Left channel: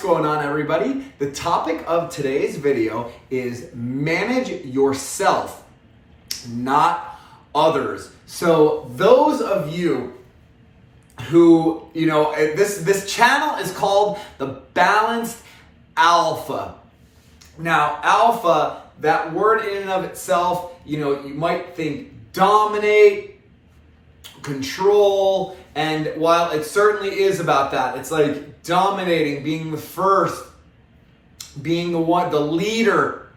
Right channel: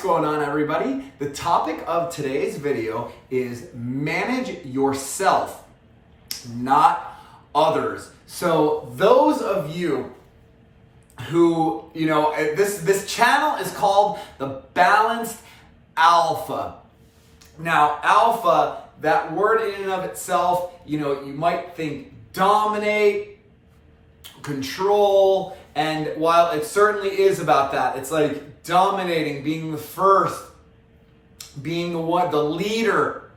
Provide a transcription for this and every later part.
going on, everybody? The topic of today's video is manage yourself, not others. So those of you who, this channel is called the Balanced Alpha. Now, alpha, that word in and of itself, you might think dominate, control, and while it certainly is about that, it's like dominating, being the first, being the leader.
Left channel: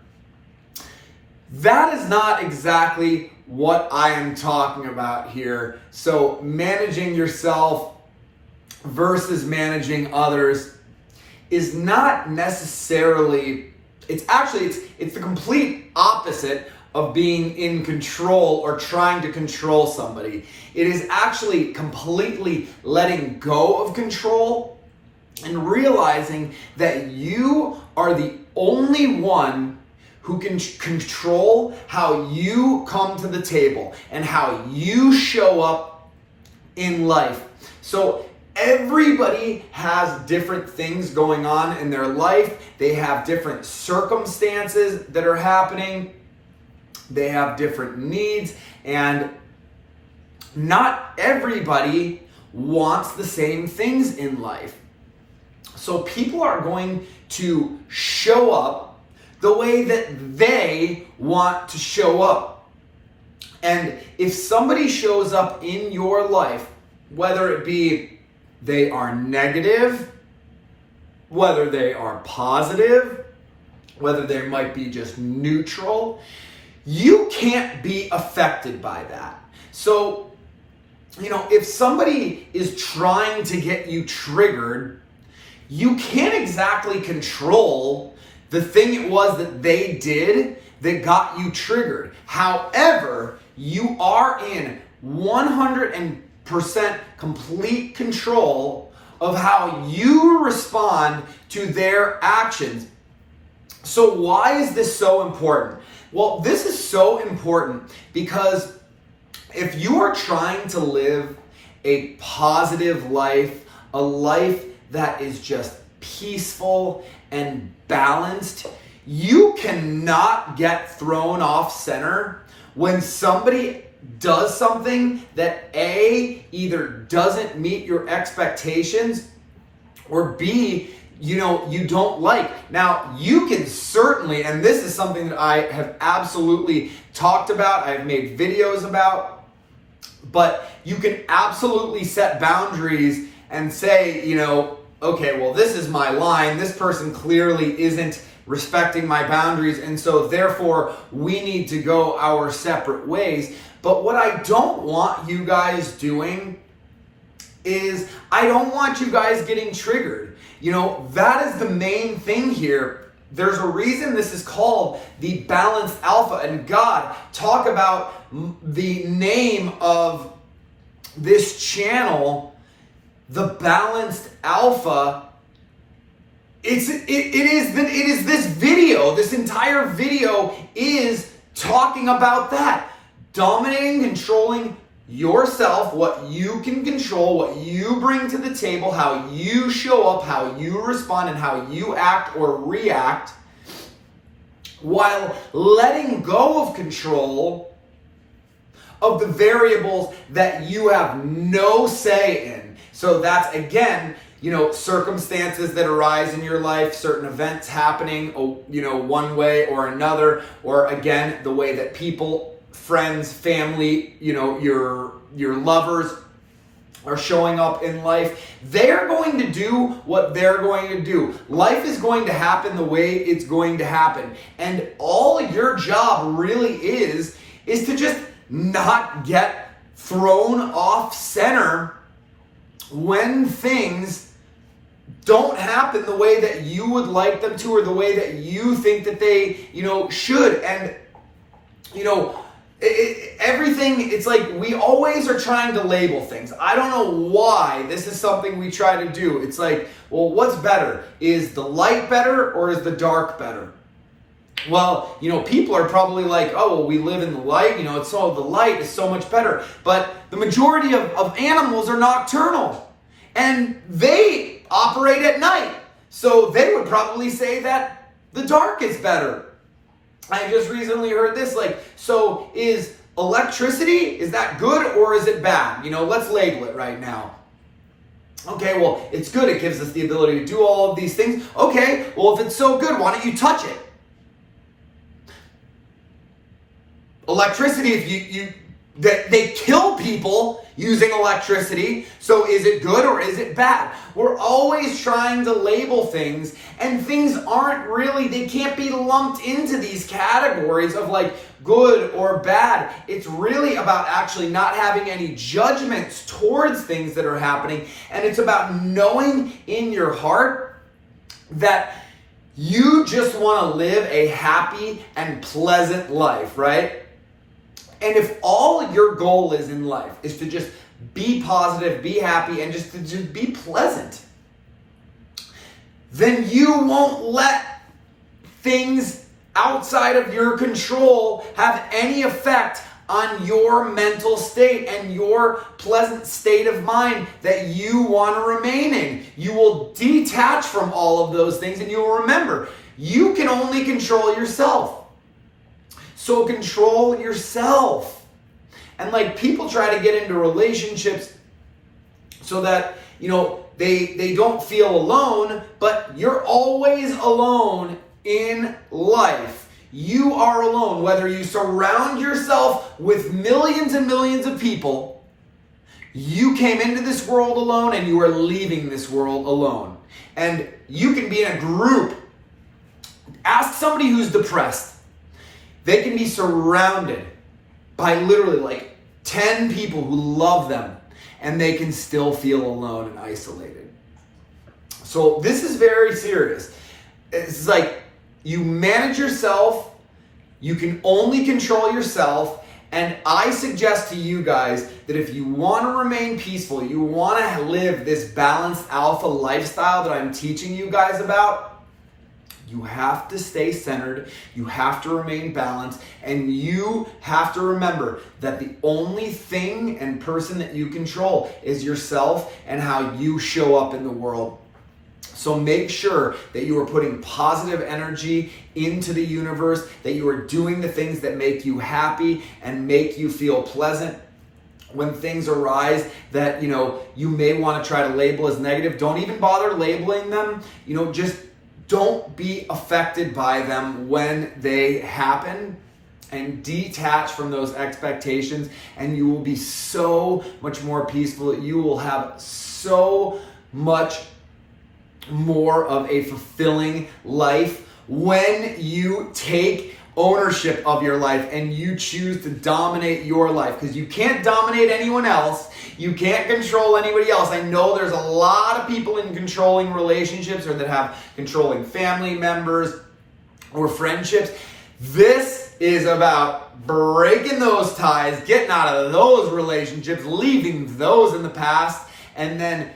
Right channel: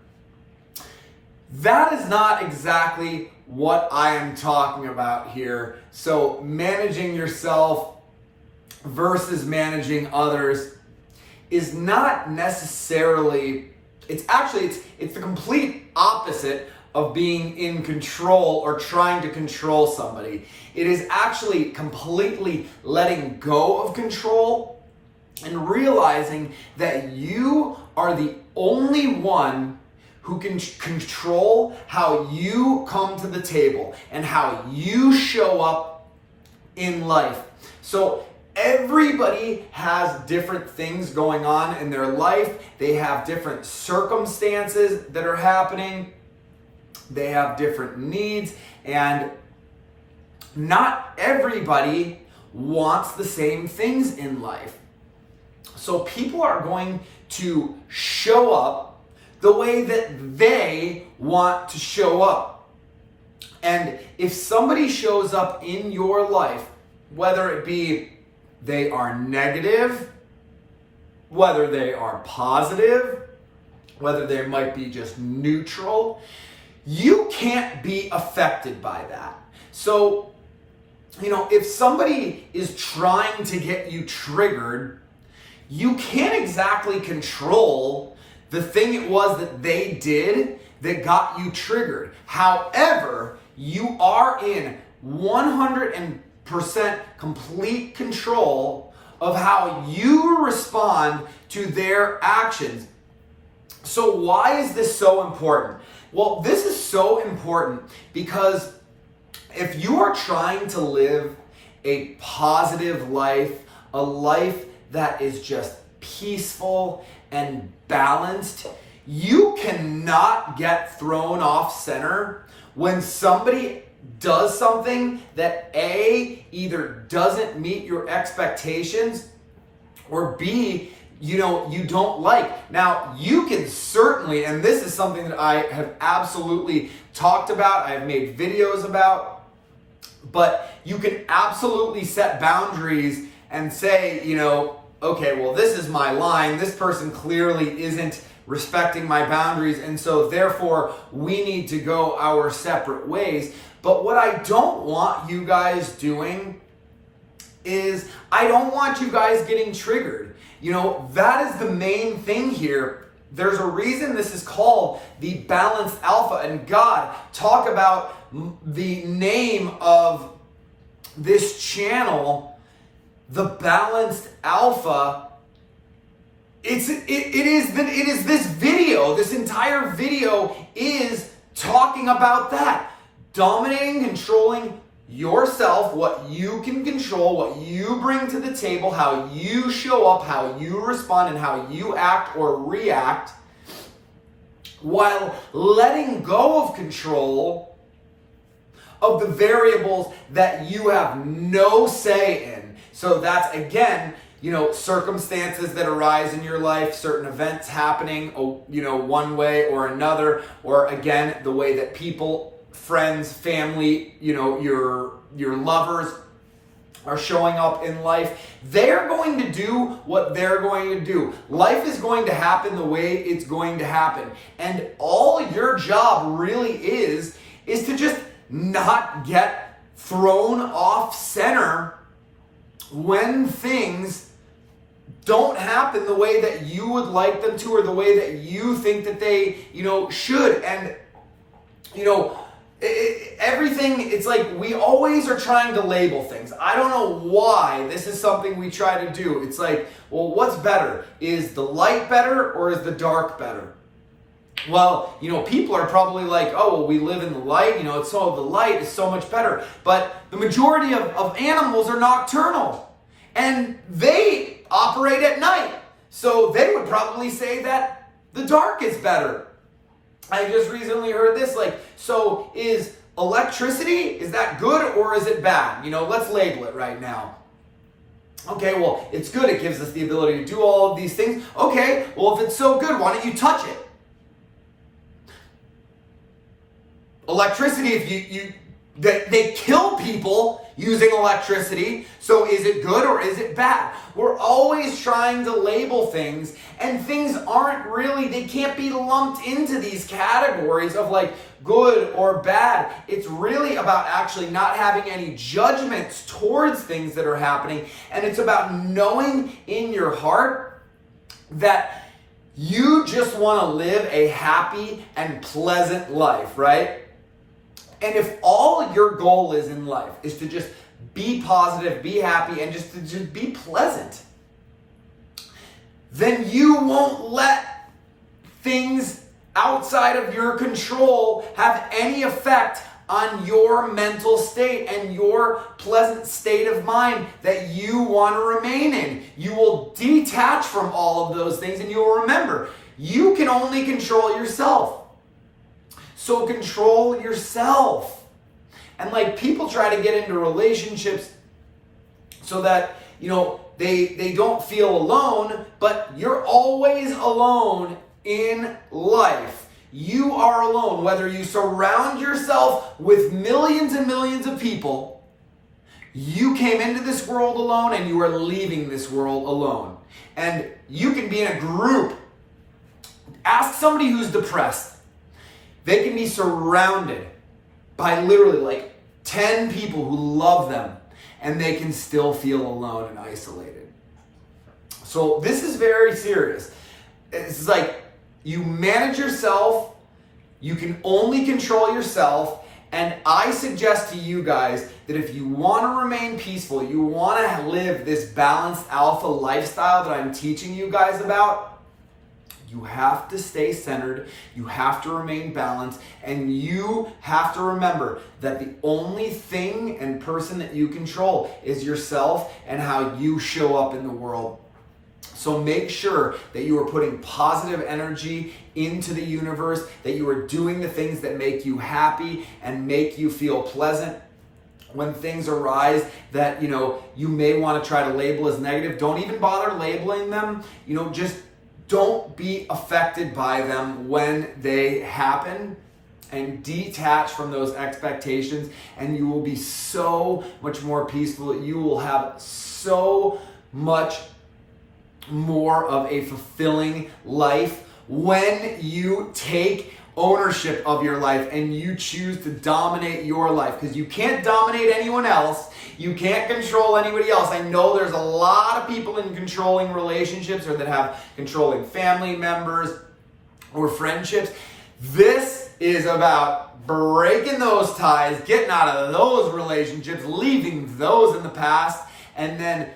That is not exactly what I am talking about here. So managing yourself versus managing others is not necessarily, it's the complete opposite of being in control or trying to control somebody. It is actually completely letting go of control and realizing that you are the only one who can control how you come to the table and how you show up in life. So everybody has different things going on in their life. They have different circumstances that are happening. They have different needs, and not everybody wants the same things in life. So people are going to show up the way that they want to show up. And if somebody shows up in your life, whether it be they are negative, whether they are positive, whether they might be just neutral, you can't be affected by that. So, if somebody is trying to get you triggered, you can't exactly control the thing it was that they did that got you triggered. However, you are in 100% complete control of how you respond to their actions. So why is this so important? Well, this is so important because if you are trying to live a positive life, a life that is just peaceful and balanced, you cannot get thrown off center when somebody does something that A, either doesn't meet your expectations, or B, you don't like. Now, you can certainly, and this is something that I have absolutely talked about, I've made videos about, but you can absolutely set boundaries and say, okay, well, this is my line. This person clearly isn't respecting my boundaries, and so therefore we need to go our separate ways. But what I don't want you guys doing is I don't want you guys getting triggered. That is the main thing here. There's a reason this is called the Balanced Alpha. And God, talk about the name of this channel, the Balanced Alpha. It is this video. This entire video is talking about that. Dominating, controlling yourself, what you can control, what you bring to the table, how you show up, how you respond, and how you act or react, while letting go of control of the variables that you have no say in. So that's, again, circumstances that arise in your life, certain events happening, one way or another, or again, the way that people, friends, family, your lovers are showing up in life. They're going to do what they're going to do. Life is going to happen the way it's going to happen. And all your job really is to just not get thrown off center when things don't happen the way that you would like them to, or the way that you think that they, should. And, everything, it's like we always are trying to label things. I don't know why this is something we try to do. It's like, well, what's better? Is the light better or is the dark better? Well, people are probably like, oh, well, we live in the light, the light is so much better. But the majority of animals are nocturnal and they operate at night. So they would probably say that the dark is better. I just recently heard this, so is electricity, is that good or is it bad? Let's label it right now. Okay, well, it's good. It gives us the ability to do all of these things. Okay, well, if it's so good, why don't you touch it? Electricity, if they kill people using electricity, so is it good or is it bad? We're always trying to label things, and things aren't really, they can't be lumped into these categories of good or bad. It's really about actually not having any judgments towards things that are happening, and it's about knowing in your heart that you just want to live a happy and pleasant life, right? And if all your goal is in life is to just be positive, be happy, and just be pleasant, then you won't let things outside of your control have any effect on your mental state and your pleasant state of mind that you want to remain in. You will detach from all of those things, and you will remember, you can only control yourself. So control yourself. And people try to get into relationships so that, they don't feel alone, but you're always alone in life. You are alone, whether you surround yourself with millions and millions of people. You came into this world alone and you are leaving this world alone. And you can be in a group. Ask somebody who's depressed. They can be surrounded by literally 10 people who love them, and they can still feel alone and isolated. So this is very serious. It's you manage yourself, you can only control yourself, and I suggest to you guys that if you want to remain peaceful, you want to live this balanced alpha lifestyle that I'm teaching you guys about, you have to stay centered, you have to remain balanced, and you have to remember that the only thing and person that you control is yourself and how you show up in the world. So make sure that you are putting positive energy into the universe, that you are doing the things that make you happy and make you feel pleasant. When things arise that, you may want to try to label as negative, don't even bother labeling them. Just don't be affected by them when they happen, and detach from those expectations, and you will be so much more peaceful. You will have so much more of a fulfilling life when you take ownership of your life and you choose to dominate your life, because you can't dominate anyone else. You can't control anybody else. I know there's a lot of people in controlling relationships or that have controlling family members or friendships. This is about breaking those ties, getting out of those relationships, leaving those in the past, and then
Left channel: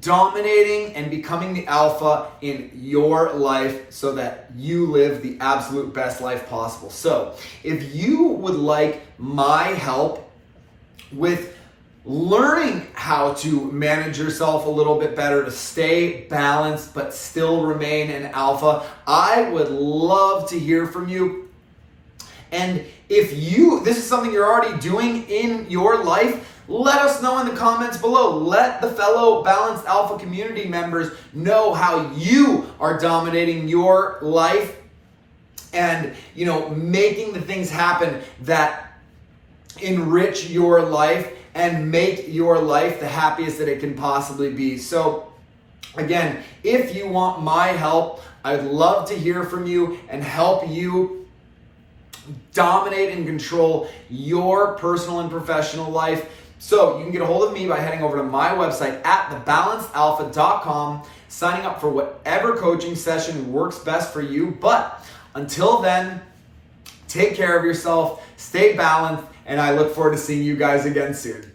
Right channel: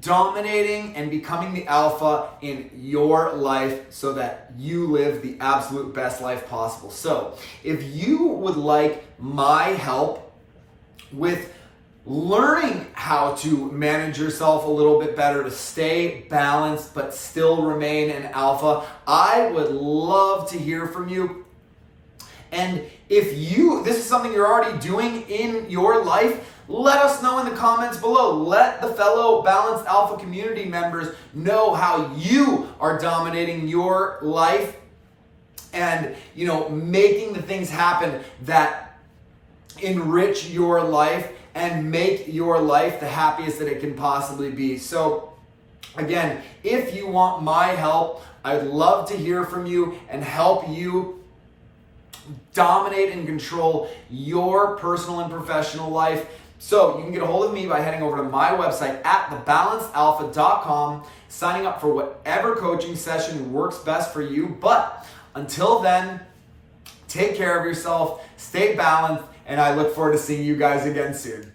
dominating and becoming the alpha in your life so that you live the absolute best life possible. So if you would like my help with learning how to manage yourself a little bit better to stay balanced but still remain an alpha, I would love to hear from you. And if this is something you're already doing in your life, let us know in the comments below. Let the fellow Balanced Alpha community members know how you are dominating your life and, making the things happen that enrich your life and make your life the happiest that it can possibly be. So again, if you want my help, I'd love to hear from you and help you dominate and control your personal and professional life. So you can get a hold of me by heading over to my website at thebalancedalpha.com, signing up for whatever coaching session works best for you. But until then, take care of yourself, stay balanced, and I look forward to seeing you guys again soon.